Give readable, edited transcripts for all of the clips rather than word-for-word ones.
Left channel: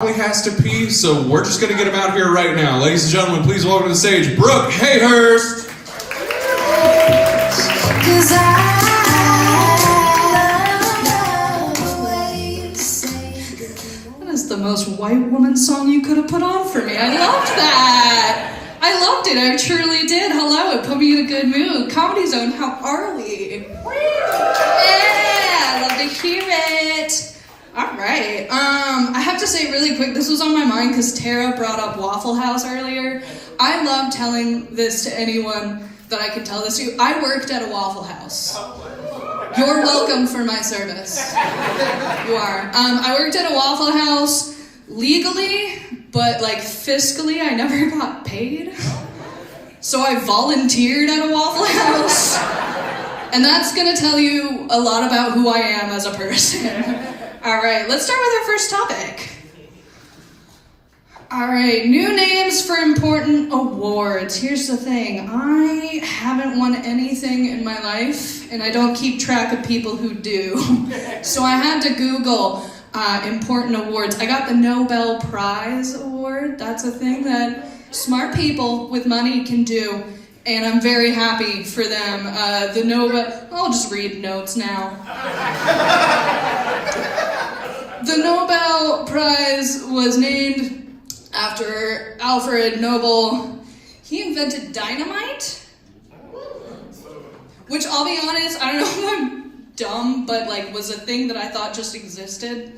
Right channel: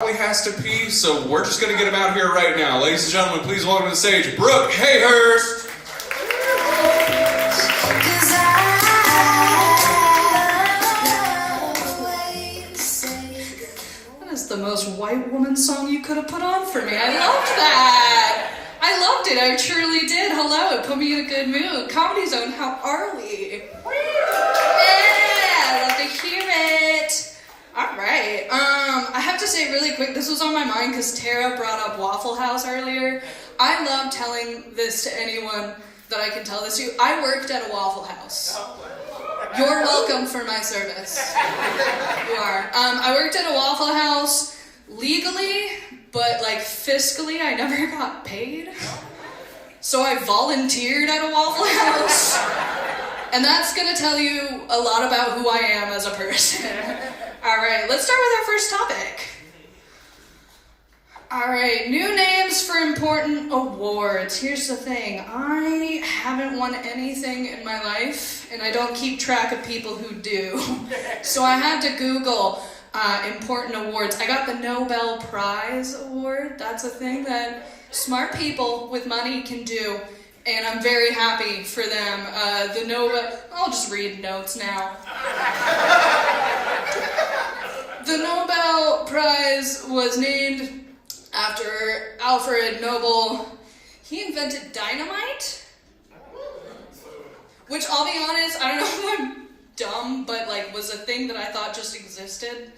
Has to pee, so we're just going to get him out here right now. Ladies and gentlemen, please welcome to the stage, Brooke Hayhurst. That is the most white woman song you could have put on for me. I loved that. I loved it. I truly did. Hello, it put me in a good mood. Comedy Zone, how are we? Yeah, love to hear it. All right. I have to say really quick, this was on my mind because Tara brought up Waffle House earlier. I love telling this to anyone that I could tell this to. I worked at a Waffle House. You're welcome for my service. You are. I worked at a Waffle House legally, but like fiscally, I never got paid. So I volunteered at a Waffle House. And that's going to tell you a lot about who I am as a person. All right, let's start with our first topic. All right, new names for important awards. Here's the thing. I haven't won anything in my life, and I don't keep track of people who do. So I had to Google important awards. I got the Nobel Prize Award. That's a thing that smart people with money can do, and I'm very happy for them. The Nobel... I'll just read notes now. The Nobel Prize was named after Alfred Nobel. He invented dynamite, which I'll be honest, I don't know if I'm dumb, but like was a thing that I thought just existed.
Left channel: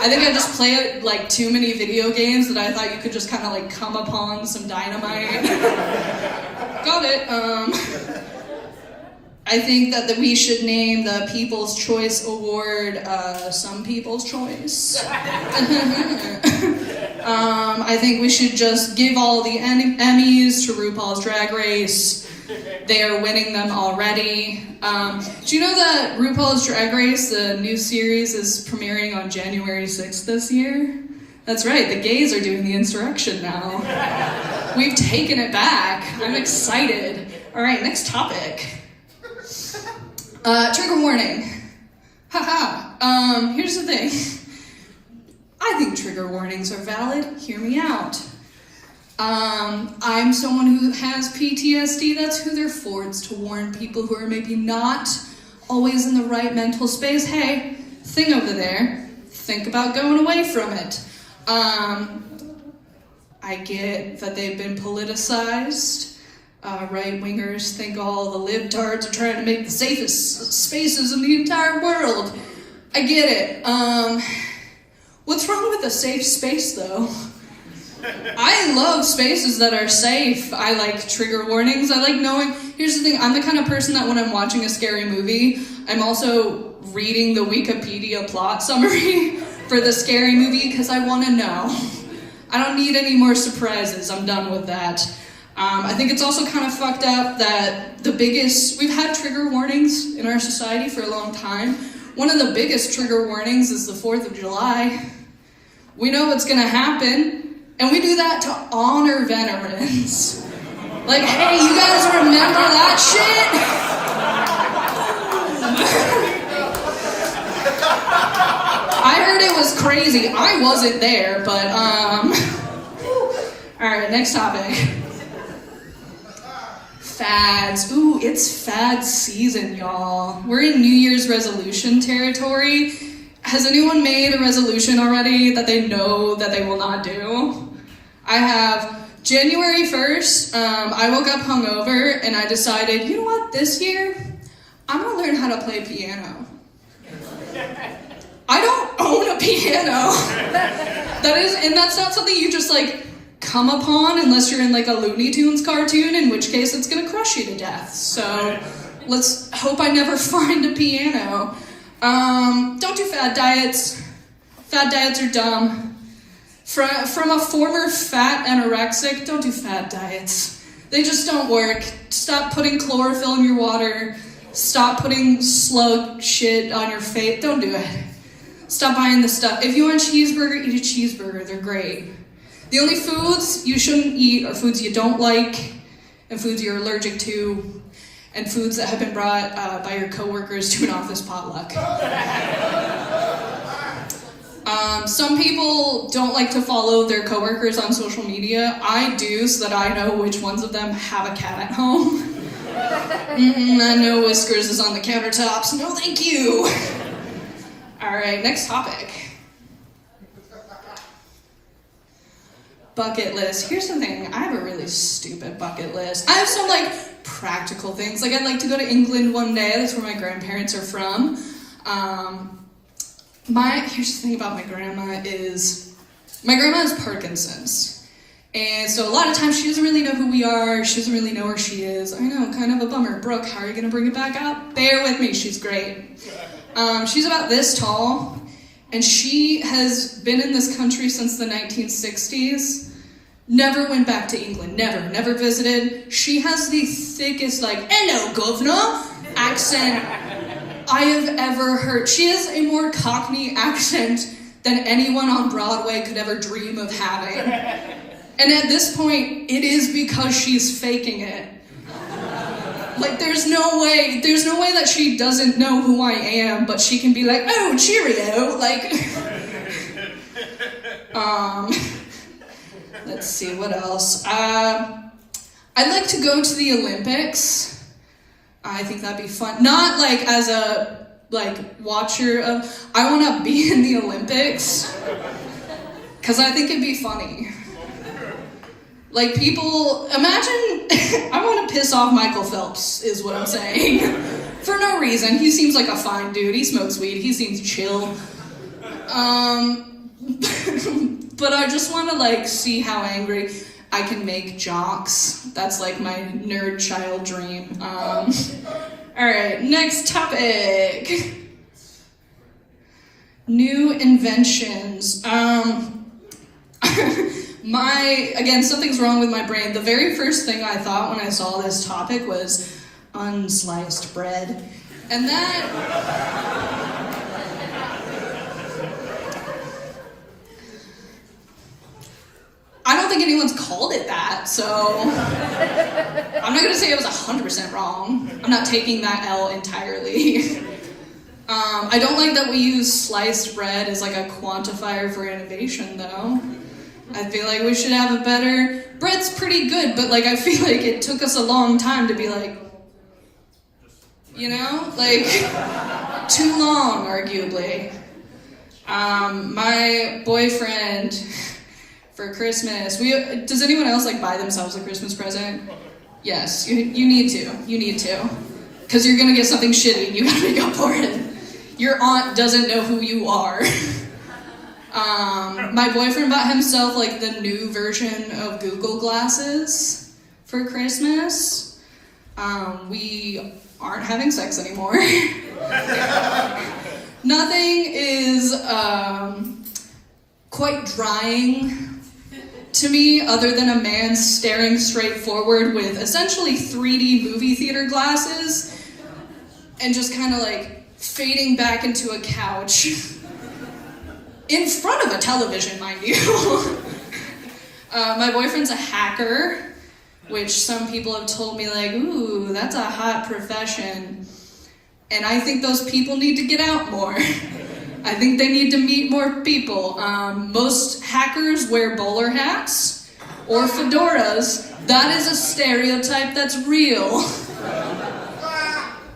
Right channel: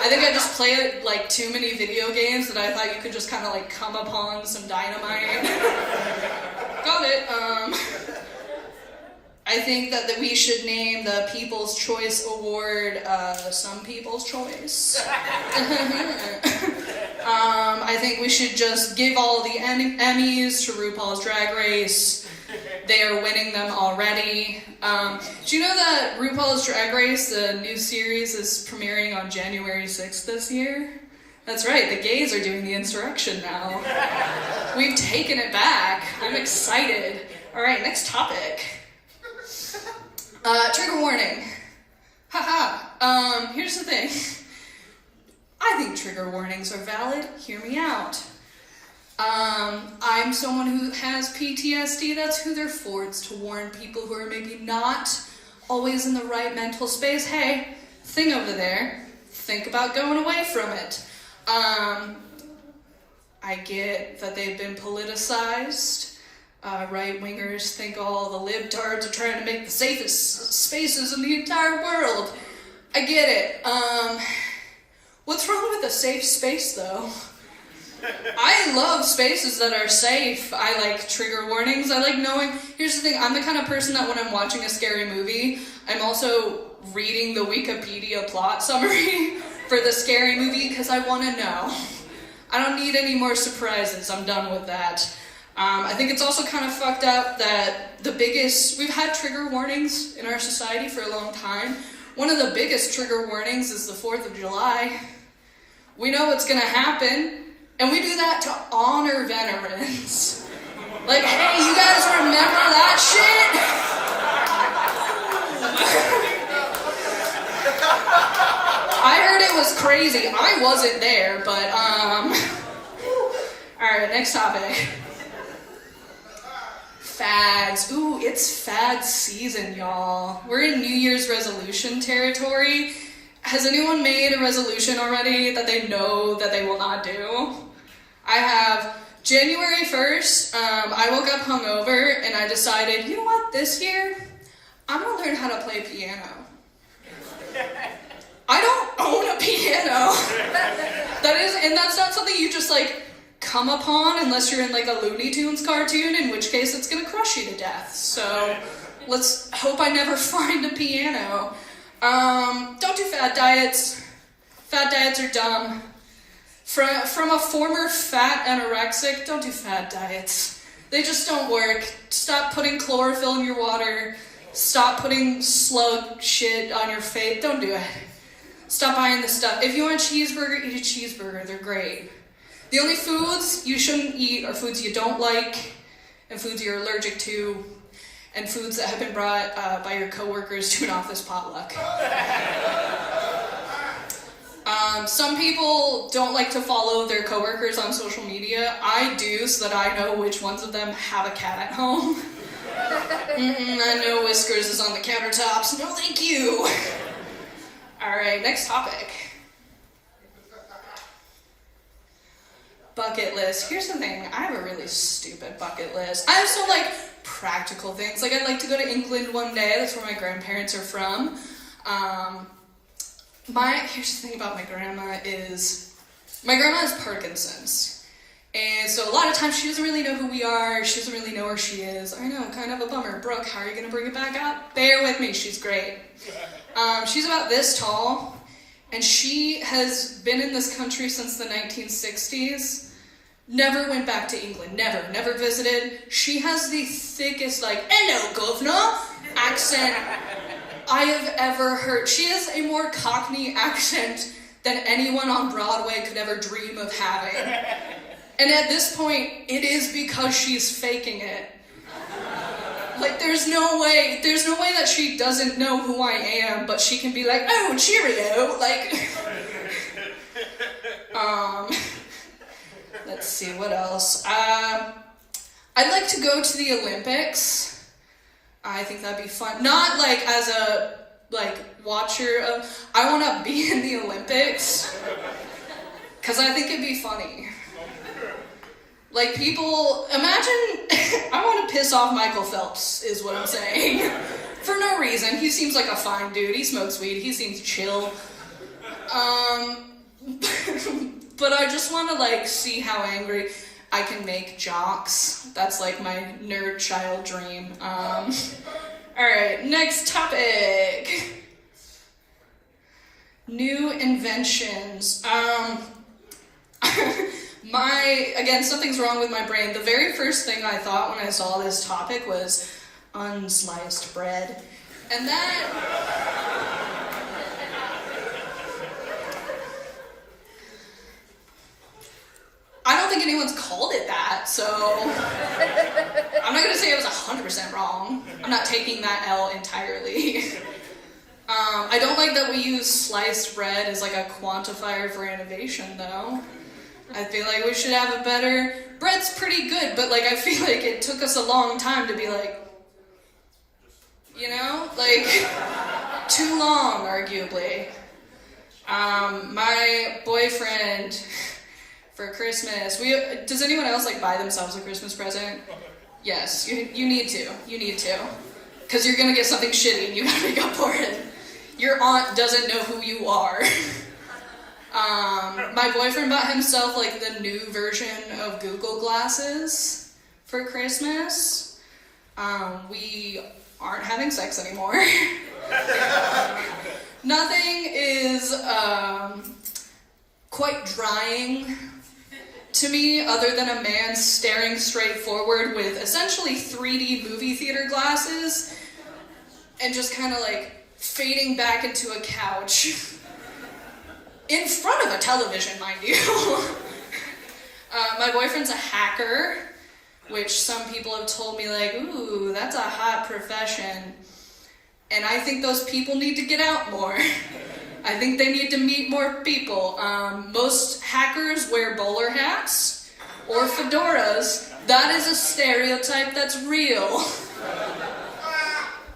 I think I just played like too many video games that I thought you could just kind of like come upon some dynamite. Got it. I think that we should name the People's Choice Award Some People's Choice. I think we should just give all the Emmys to RuPaul's Drag Race. They are winning them already. Do you know that RuPaul's Drag Race, the new series, is premiering on January 6th this year? That's right, the gays are doing the insurrection now. We've taken it back. I'm excited. All right, next topic. Trigger warning. Haha. Here's the thing. I think trigger warnings are valid. Hear me out. I'm someone who has PTSD. That's who they're for. It's to warn people who are maybe not always in the right mental space. Hey, thing over there. Think about going away from it. I get that they've been politicized. Right-wingers think all the libtards are trying to make the safest spaces in the entire world. I get it. What's wrong with a safe space, though? I love spaces that are safe. I like trigger warnings. I like knowing... Here's the thing. I'm the kind of person that when I'm watching a scary movie, I'm also reading the Wikipedia plot summary for the scary movie because I want to know. I don't need any more surprises. I'm done with that. I think it's also kind of fucked up that we've had trigger warnings in our society for a long time. One of the biggest trigger warnings is the 4th of July. We know what's gonna happen, and we do that to honor veterans. Like, hey, you guys remember that shit? I heard it was crazy. I wasn't there, but, Alright, next topic. Fads. Ooh, it's fad season, y'all. We're in New Year's resolution territory. Has anyone made a resolution already that they know that they will not do? I have. January 1st, I woke up hungover and I decided, you know what, this year, I'm gonna learn how to play piano. I don't own a piano. And that's not something you just like come upon unless you're in like a Looney Tunes cartoon, in which case it's gonna crush you to death. So let's hope I never find a piano. Don't do fad diets. Fad diets are dumb. From a former fat anorexic, don't do fad diets. They just don't work. Stop putting chlorophyll in your water. Stop putting slug shit on your face. Don't do it. Stop buying the stuff. If you want a cheeseburger, eat a cheeseburger. They're great. The only foods you shouldn't eat are foods you don't like, and foods you're allergic to, and foods that have been brought by your coworkers to an office potluck. Some people don't like to follow their coworkers on social media. I do, so that I know which ones of them have a cat at home. I know Whiskers is on the countertops. No, thank you. All right, next topic. Bucket list. Here's the thing. I have a really stupid bucket list. I have some, practical things. I'd like to go to England one day. That's where my grandparents are from. Here's the thing about my grandma is Parkinson's. And so a lot of times she doesn't really know who we are. She doesn't really know where she is. I know, kind of a bummer. Brooke, how are you going to bring it back up? Bear with me. She's great. She's about this tall, and she has been in this country since the 1960s. Never went back to England. Never visited. She has the thickest, hello, governor, accent I have ever heard. She has a more Cockney accent than anyone on Broadway could ever dream of having. And at this point, it is because she's faking it. There's no way that she doesn't know who I am, but she can be like, oh, cheerio, let's see, what else? I'd like to go to the Olympics. I think that'd be fun. Not as a watcher of. I want to be in the Olympics because I think it'd be funny. People imagine. I want to piss off Michael Phelps, is what I'm saying. For no reason. He seems like a fine dude. He smokes weed. He seems chill. But I just want to see how angry I can make jocks. That's my nerd child dream. All right, next topic. New inventions. Something's wrong with my brain. The very first thing I thought when I saw this topic was unsliced bread. And that... I don't think anyone's called it that, so I'm not going to say I was 100% wrong. I'm not taking that L entirely. I don't like that we use sliced bread as a quantifier for innovation, though. I feel like we should have a better... Bread's pretty good, but I feel like it took us a long time to be too long, arguably. My boyfriend... For Christmas, does anyone else buy themselves a Christmas present? Yes, you need to. You need to. Because you're going to get something shitty and you got to make up for it. Your aunt doesn't know who you are. My boyfriend bought himself the new version of Google Glasses for Christmas. We aren't having sex anymore. Nothing is quite drying to me other than a man staring straight forward with essentially 3D movie theater glasses and just kind of fading back into a couch in front of a television, mind you. My boyfriend's a hacker, which some people have told me ooh, that's a hot profession. And I think those people need to get out more. I think they need to meet more people. Most hackers wear bowler hats or fedoras. That is a stereotype that's real.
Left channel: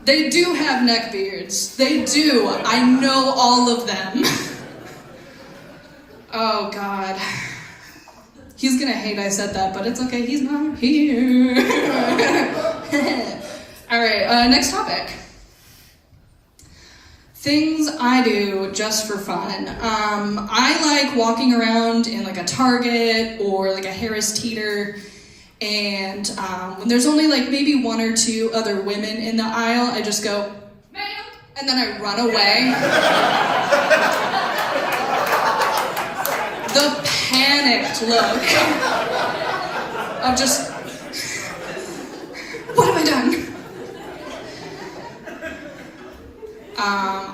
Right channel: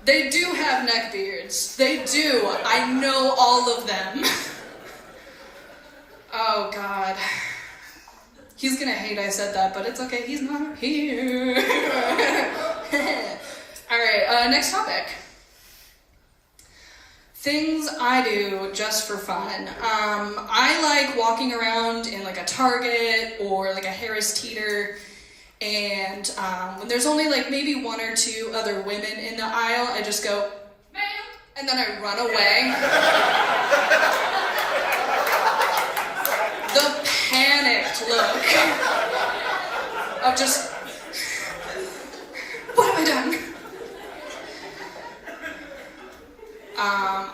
They do have neck beards. They do. I know all of them. Oh, God. He's gonna hate I said that, but it's okay. He's not here. All right, next topic. Things I do just for fun. I like walking around in a Target or a Harris Teeter, and when there's only maybe one or two other women in the aisle, I just go, ma'am, and then I run away. The panicked look of just, what have I done?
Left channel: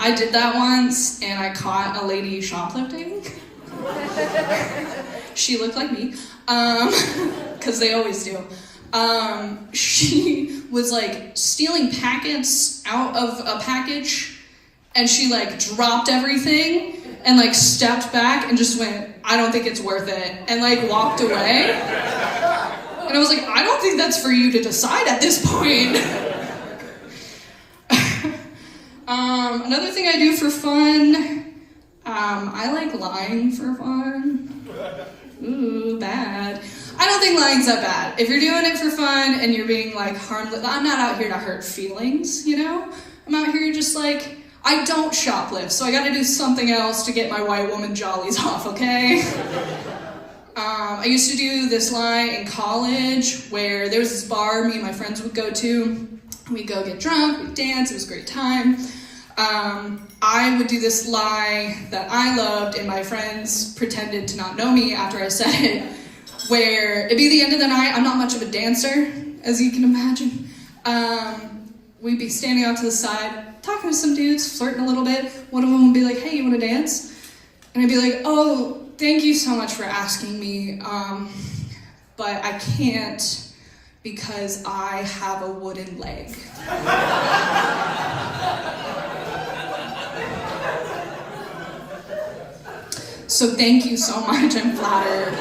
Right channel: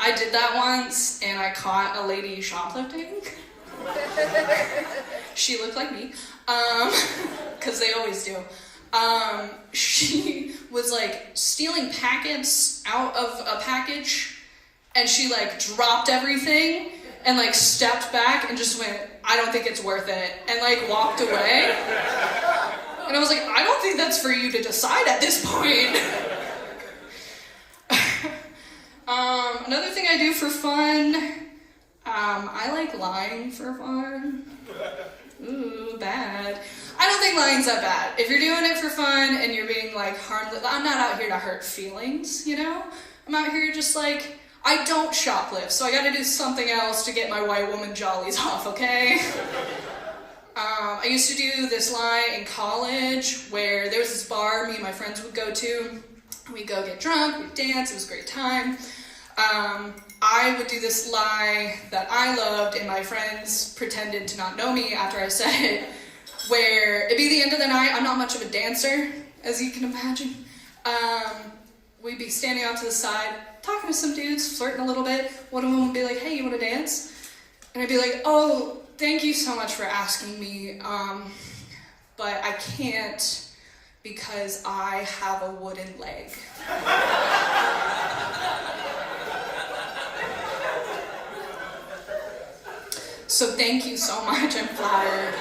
I did that once, and I caught a lady shoplifting. She looked like me, because they always do. She was stealing packets out of a package, and she dropped everything, and like stepped back and just went, I don't think it's worth it, and like walked away. And I was like, I don't think that's for you to decide at this point. Another thing I do for fun, I like lying for fun. Ooh, bad. I don't think lying's that bad. If you're doing it for fun and you're being like harmless, I'm not out here to hurt feelings, you know? I'm out here just like, I don't shoplift, so I gotta do something else to get my white woman jollies off, okay? I used to do this lie in college where there was this bar me and my friends would go to. We'd go get drunk, we'd dance, it was a great time. I would do this lie that I loved and my friends pretended to not know me after I said it, where it'd be the end of the night. I'm not much of a dancer, as you can imagine. We'd be standing off to the side, talking to some dudes, flirting a little bit. One of them would be like, hey, you want to dance? And I'd be like, oh, thank you so much for asking me, but I can't because I have a wooden leg. So thank you so much, I'm flattered.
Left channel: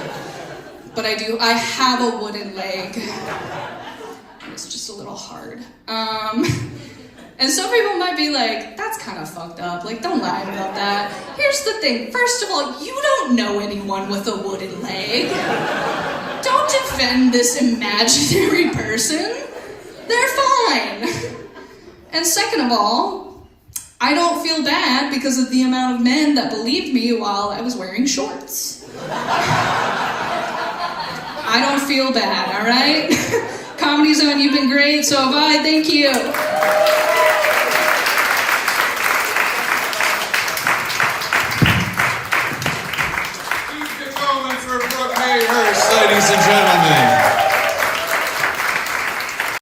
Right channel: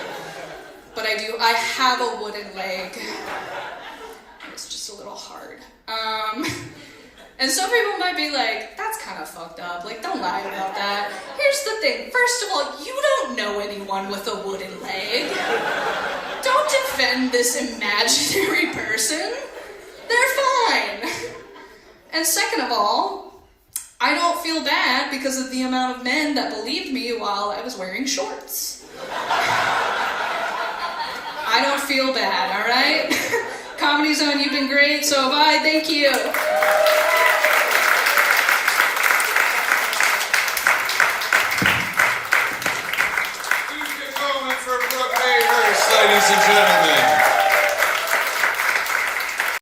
But I have a wooden leg. It's just a little hard. And some people might be like, that's kind of fucked up. Like, don't lie about that. Here's the thing. First of all, you don't know anyone with a wooden leg. Don't defend this imaginary person. They're fine. And second of all, I don't feel bad because of the amount of men that believed me while I was wearing shorts. I don't feel bad, all right? Comedy Zone, you've been great, so have I. Thank you. Please give a moment for Brooke Hayhurst, ladies